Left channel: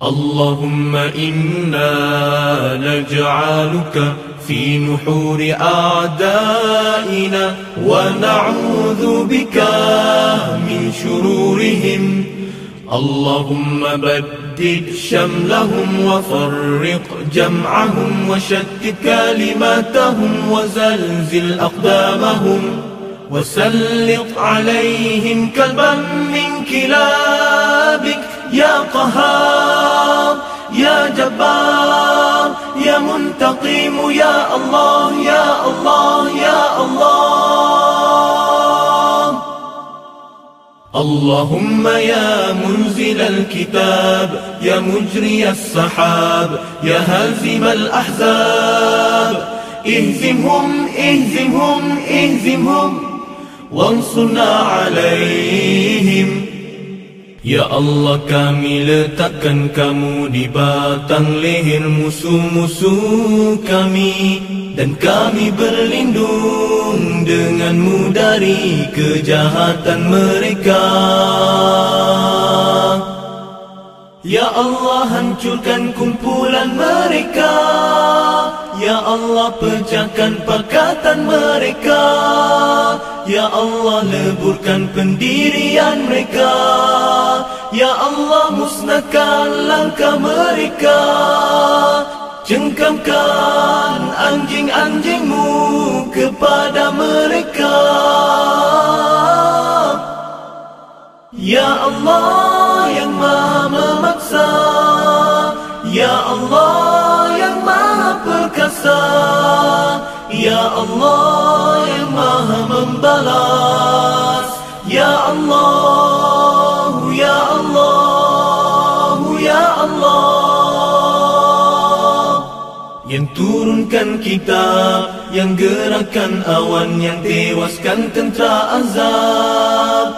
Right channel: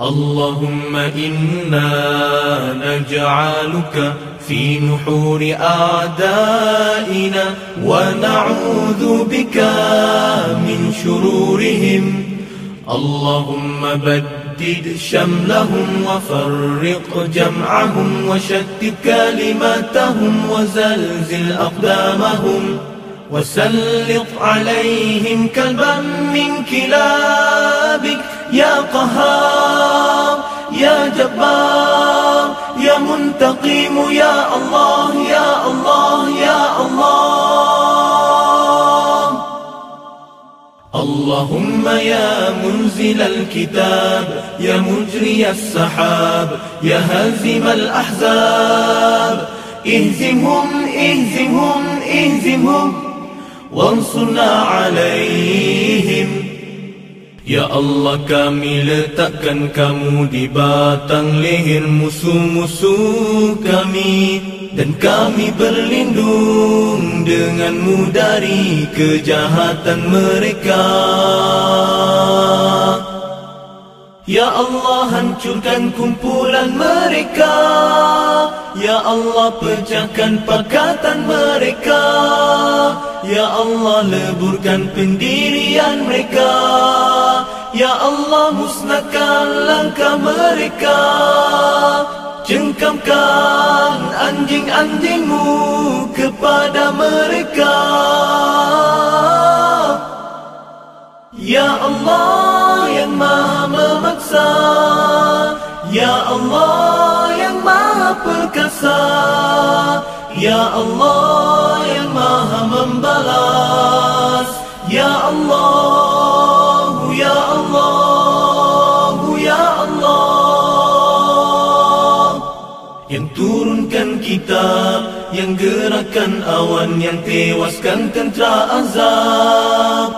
اللهم إنا نجعلك في نحور أعدائنا ونعوذ بك من شرورهم. اللهم بدد شملهم وفرق جمعهم وشتت كلماتهم وزلزل أقدامهم وسلط عليهم كلبا من كلابك يا قهار يا جبار يا منتقم يا الله يا الله يا الله. اللهم يا منزل الكتاب يا مجري السحاب يا هازم الأحزاب اهزمهم اهزمهم اهزمهم وانصرنا عليهم. Ya Allah, kami letakkan kamu di batang leher musuh-musuh kami, dan kami berlindung denganmu dari kejahatan mereka. Ya Allah, hancurkan kumpulan mereka. Ya Allah, pecahkan pakatan mereka. Ya Allah, leburkan pendirian mereka. Ya Allah, musnahkan langkah mereka. Cengkamkan anjing-anjingmu kepada mereka. Ya Allah yang maha memaksa, Ya Allah yang maha perkasa, Ya Allah yang maha membalas, Ya Allah, Ya Allah, Ya Allah. Yang turunkan kitab, yang gerakkan awan, yang tewaskan tentera azab.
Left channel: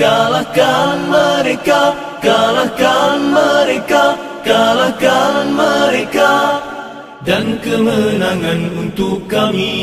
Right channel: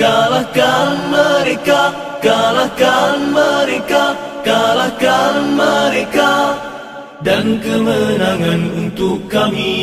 Kalahkan mereka, kalahkan mereka, kalahkan mereka, dan kemenangan untuk kami.